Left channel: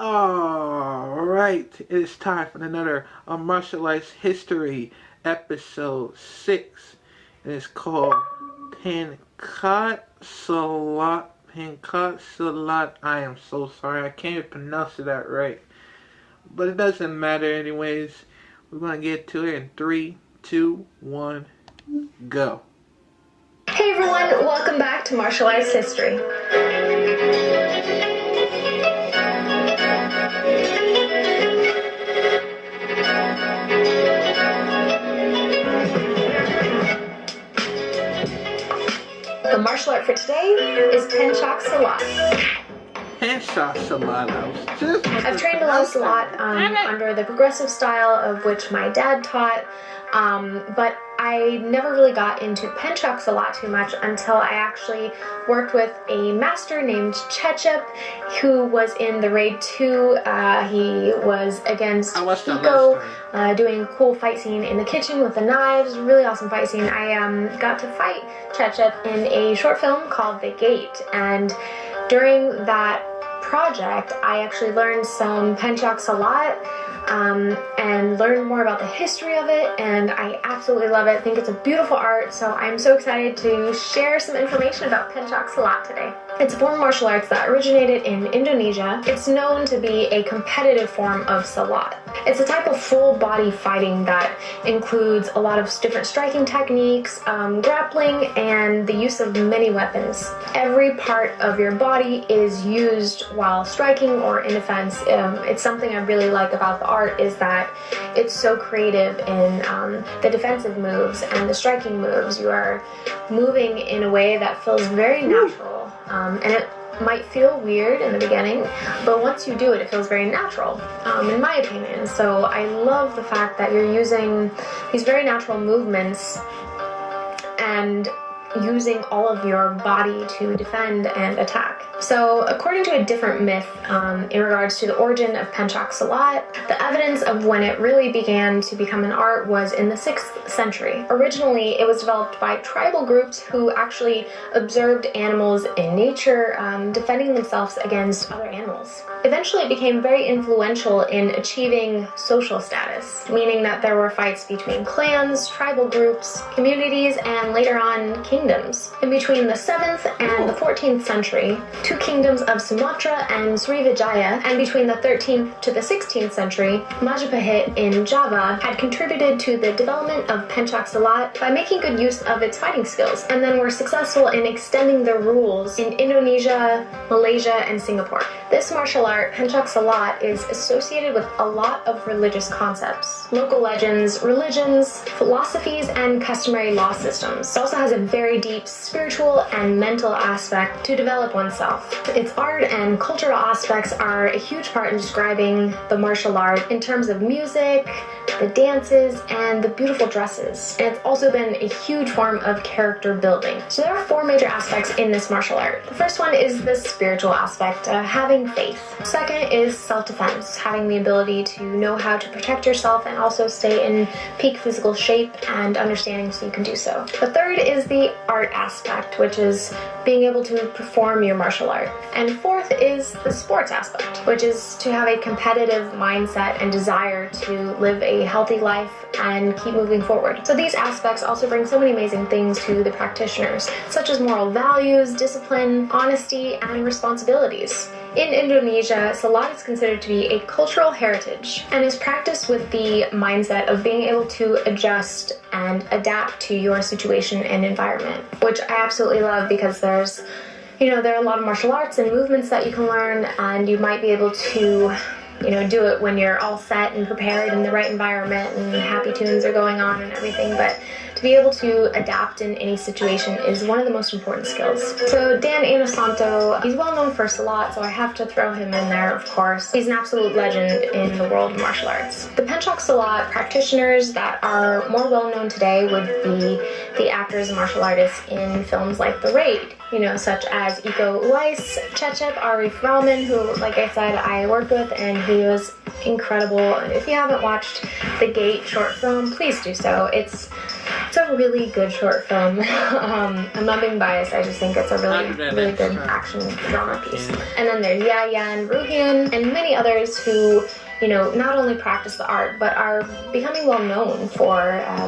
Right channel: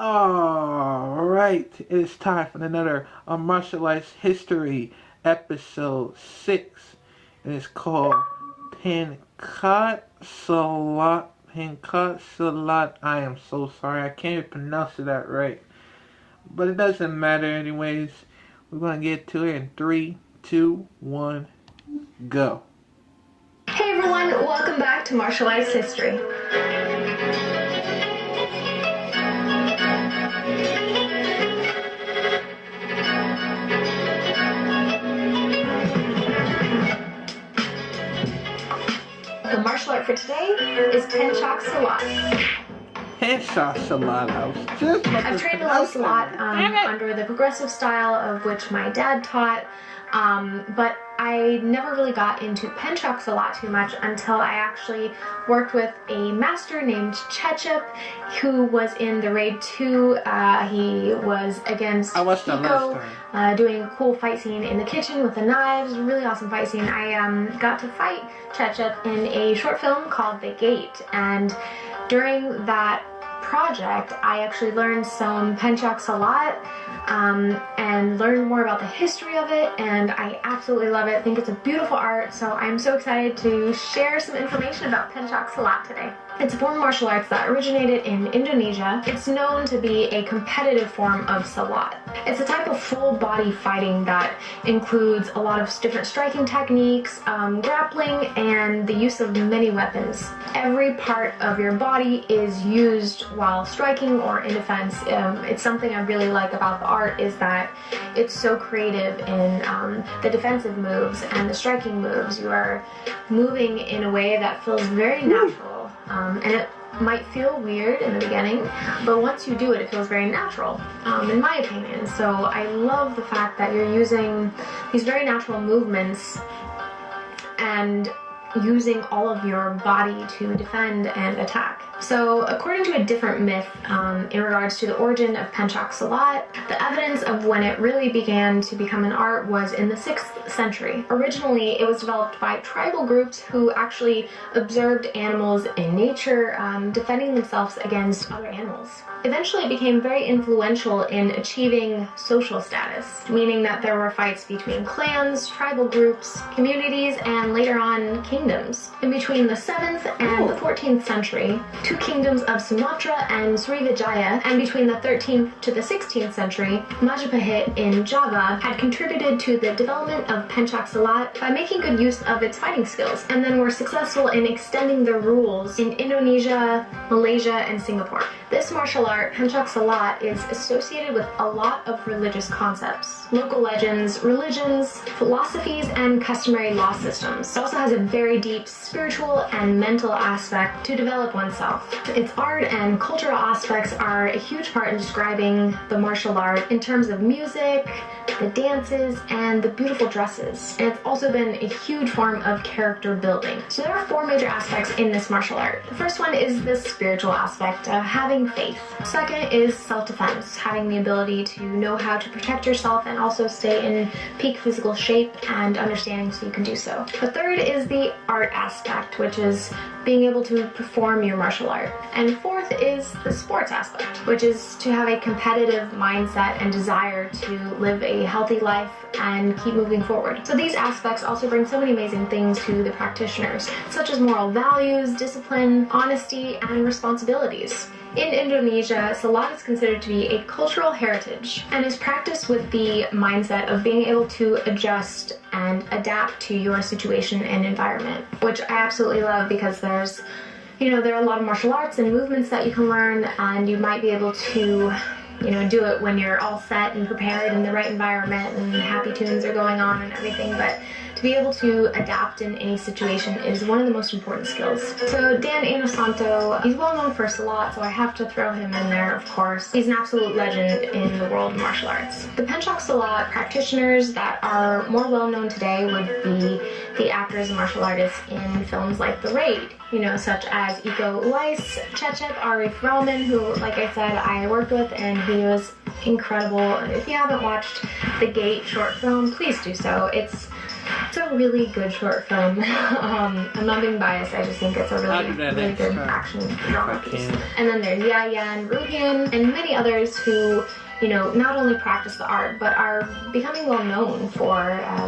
Alright, it's time for another martial arts history episode 6. And it's called Pencak Silat. Pencak Silat. I am so sorry, I can't even pronounce that right. But it doesn't matter anyways. We're going to get to it in 3, 2, 1, go. Hey everyone, welcome back to Martial Arts History. The martial art for today is Pencak Silat. Pencak Silat. I've trained a lot of Silat under the progressive style of which my dad taught, but I never really got into Pencak Silat too much until I actually worked with a master named Cecep, who was in the Raid 2. He was against Pico, doing a cool fight scene in the kitchen with the knives. Really awesome fight scene. I got to fight Cecep in a short film called The Gate, and during that project, I actually learned some Pencak Silat and learned more about the history of it, and I absolutely love it. I think it's a beautiful art, so I'm so excited to share some information about Pencak Silat today. It's a form of martial arts that originated in Indonesia. It's known to be a competitive form of Silat. It's a type of full-body fighting that includes a lot of different striking techniques, grappling, and the use of many weapons. Every part of your body is used while striking or in defense. It's something I really like about the art is that it's so creative in the defensive moves and the striking moves. You are moving in a way that feels very natural, and it might feel weird in the beginning, but once you do it, it feels very natural, in my opinion. So I love the fact that you're using these very natural movements and using all of your body to defend and attack. So according to a different myth in regards to the origin of Pencak Silat, the evidence of when it really began to become an art was in the 6th century. Originally, it was developed by tribal groups who actually observed animals in nature, defending themselves against other animals. Eventually, it became very influential in achieving social status, meaning that there were fights between clans, tribal groups, communities, and later on kingdoms. In between the 7th and the 14th century, two kingdoms of Sumatra and Srivijaya, and between the 13th to the 16th century, Majapahit in Java had contributed to the development of Pencak Silat by making good use of its fighting skills, and then were successful in extending the rules in Indonesia, Malaysia, and Singapore. This martial art, Pencak Silat, is associated with a lot of religious concepts, local legends, religions, philosophies, and customary law systems. It also has a very deep spiritual and mental aspect to develop oneself. Its art and cultural aspects are a huge part in describing the martial art in terms of music, the dances, and the beautiful dresses. And it's also been a huge form of character building. So there are 4 major aspects in this martial art. The first one is the spiritual aspect, having faith. Second is self-defense, having the ability to know how to protect yourself and also stay in peak physical shape and understanding so you can do so. The third is the art aspect, which is being able to perform your martial art. And fourth is the sports aspect, which is to have a competitive mindset and desire to live a healthy life and keep moving forward. So these aspects also bring so many amazing things to the practitioners, such as moral values, discipline, honesty, and responsibilities. In Indonesia, Silat is considered to be a cultural heritage and is practiced with the mindset of being able to adjust and adapt to your situation and environment, which I absolutely love because there are a lot of martial arts and movements that you can learn, and you might be able to do it when you're all set and prepared in the right environment and happy tunes are going on and everything, but to be able to adapt in any situation is one of the most important skills. So Dan Inosanto, he's well known for Silat, so I have to throw him in there, of course. He's an absolute legend in the world of martial arts. The Pencak Silat practitioners that are more well known today would be the actors and martial artists in films like The Raid, such as Uwais, Cecep, Arif, Rahman, who, like I said, I worked with, and he was incredible. If you haven't watched The Gate short film, please do so. It's It's a really good short film. I'm not being biased, I just think it's a really good action drama piece. And then there's Yayan, Ruhiyan, and many others who, you know, not only practice the art, but are becoming well known for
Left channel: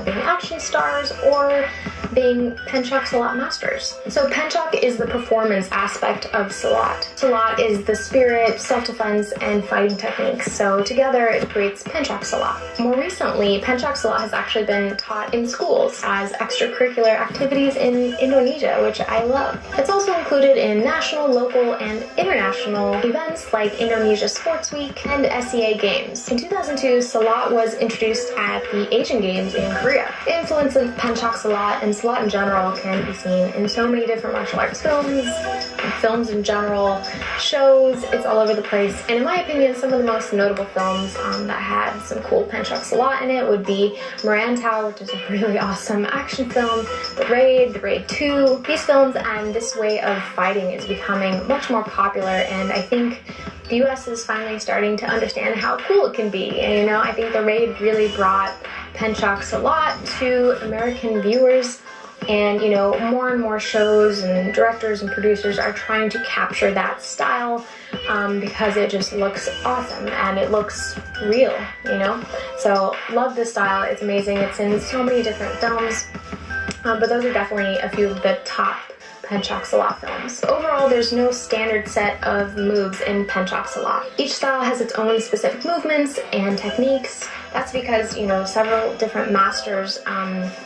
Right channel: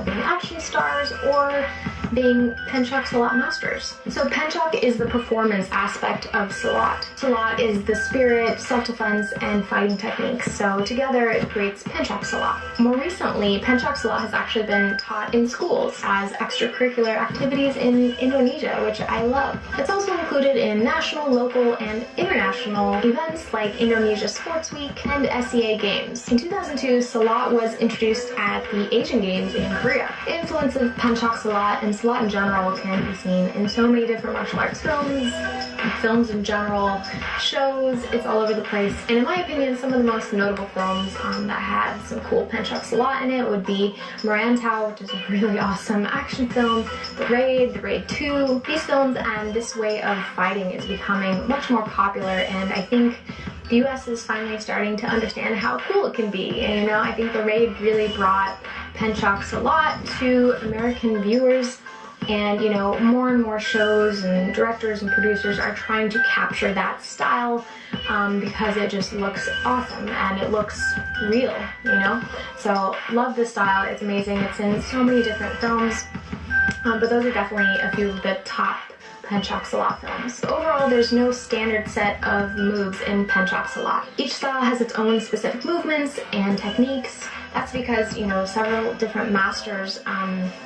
being action stars or being Pencak Silat masters. So Pencak is the performance aspect of Silat. Silat is the spirit, self-defense, and fighting techniques. So together it creates Pencak Silat. More recently, Pencak Silat has actually been taught in schools as extracurricular activities in Indonesia, which I love. It's also included in national, local, and international events like Indonesia Sports Week and SEA Games. In 2002, Silat was introduced at the Asian Games in Korea. The influence of Pencak Silat and Silat in general can be seen in so many different martial arts films in general, shows, it's all over the place. And in my opinion, some of the most notable films that had some cool Pencak Silat in it would be Merantau, which is a really awesome action film, The Raid 2. These films and this way of fighting is becoming much more popular, and I think the US is finally starting to understand how cool it can be. And, you know, I think The Raid really brought Pencak Silat to American viewers, and, you know, more and more shows and directors and producers are trying to capture that style because it just looks awesome and it looks real, you know. So love this style, it's amazing, it's in so many different films, but those are definitely a few of the top Pencak Silat films. Overall, there's no standard set of moves in Pencak Silat. Each style has its own specific movements and techniques. That's because, you know, several different masters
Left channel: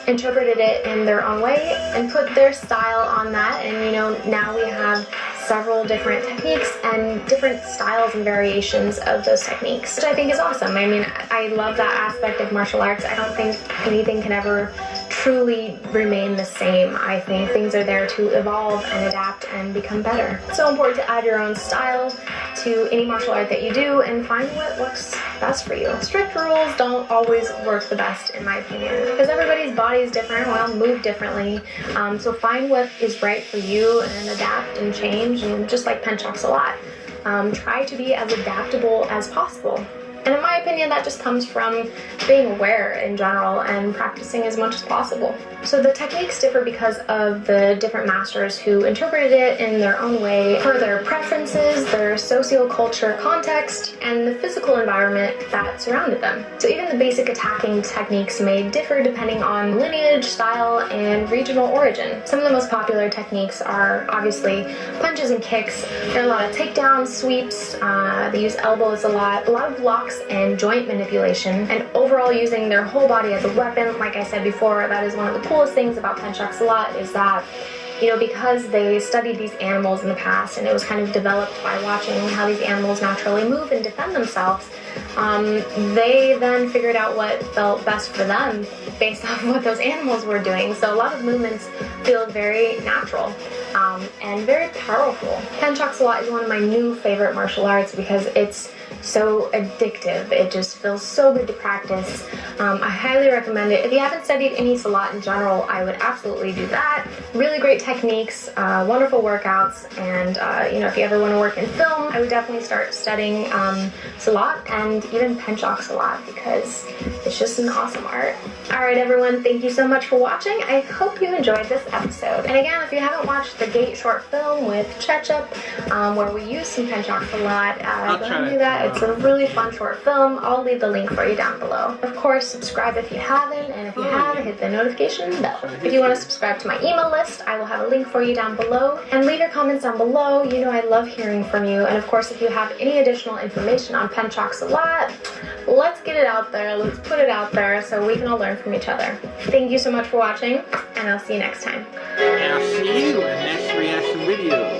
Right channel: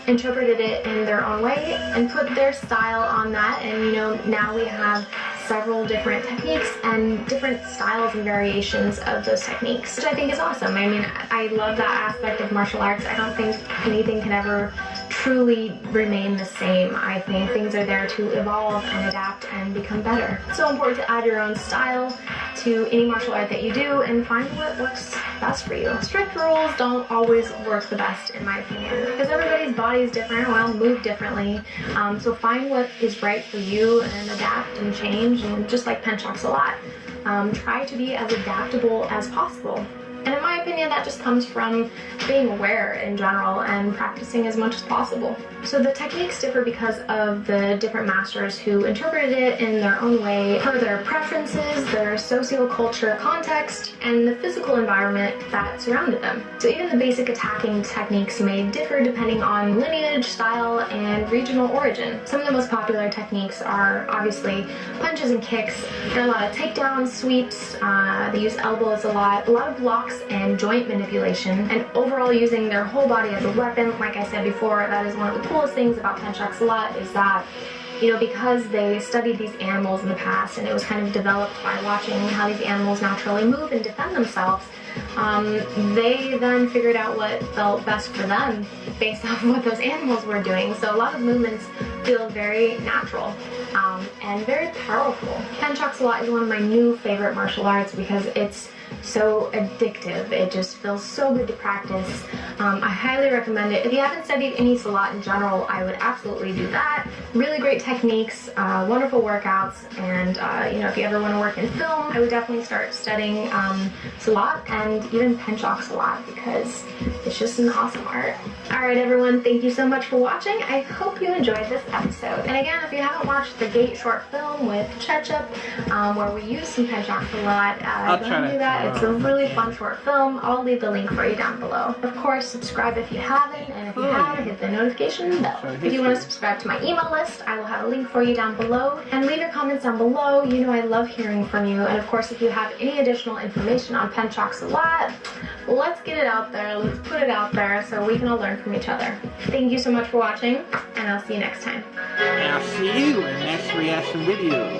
interpreted it in their own way and put their style on that, and, you know, now we have several different techniques and different styles and variations of those techniques, which I think is awesome. I mean, I love that aspect of martial arts. I don't think anything can ever truly remain the same. I think things are there to evolve and adapt and become better. It's so important to add your own style to any martial art that you do and find what works best for you. Strict rules don't always work the best, in my opinion, because everybody's body is different, we'll move differently, so find what is right for you and adapt and change, and just like Pencak Silat, try to be as adaptable as possible. And in my opinion, that just comes from being aware in general and practicing as much as possible. So the techniques differ because of the different masters who interpreted it in their own way per their preferences, their socio-culture context, and the physical environment that surrounded them. So even the basic attacking techniques may differ depending on lineage, style, and regional origin. Some of the most popular techniques are obviously punches and kicks. There are a lot of takedowns, sweeps, they use elbows a lot of blocks and joint manipulation, and overall using their whole body as a weapon. Like I said before, that is one of the coolest things about Pencak Silat, is that, you know, because they studied these animals in the past and it was kind of developed by watching how these animals naturally move and defend themselves, they then figured out what felt best for them based off of what those animals were doing. So a lot of movements feel very natural and very powerful. Pencak Silat is one of my new favorite martial arts because it's so addictive. It just feels so good to practice. I highly recommend it. If you haven't studied any Silat in general, I would absolutely do that. Really great techniques, wonderful workouts, and you know, if you ever want to work in film, I would definitely start studying Silat and even Pencak Silat because it's just an awesome art. Alright everyone, thank you so much for watching. I hope you enjoyed this episode. And again, if you haven't watched the Gate short film with Cecep, where we use some Pencak Silat, don't do that. It's a really fun short film. I'll leave the link for you down below. Of course, subscribe if you haven't, and if you have, hit the notification bell. If you want to subscribe to my email list, I will have a link for you down below. And leave your comments down below. You know I love hearing from you. And of course, if you have any additional information on Pencak Silat, let's get it out there. Let's put it out there so we can all learn from each other. Thank you so much for watching, and I'll see you next time. And I'll see you in the next reaction video.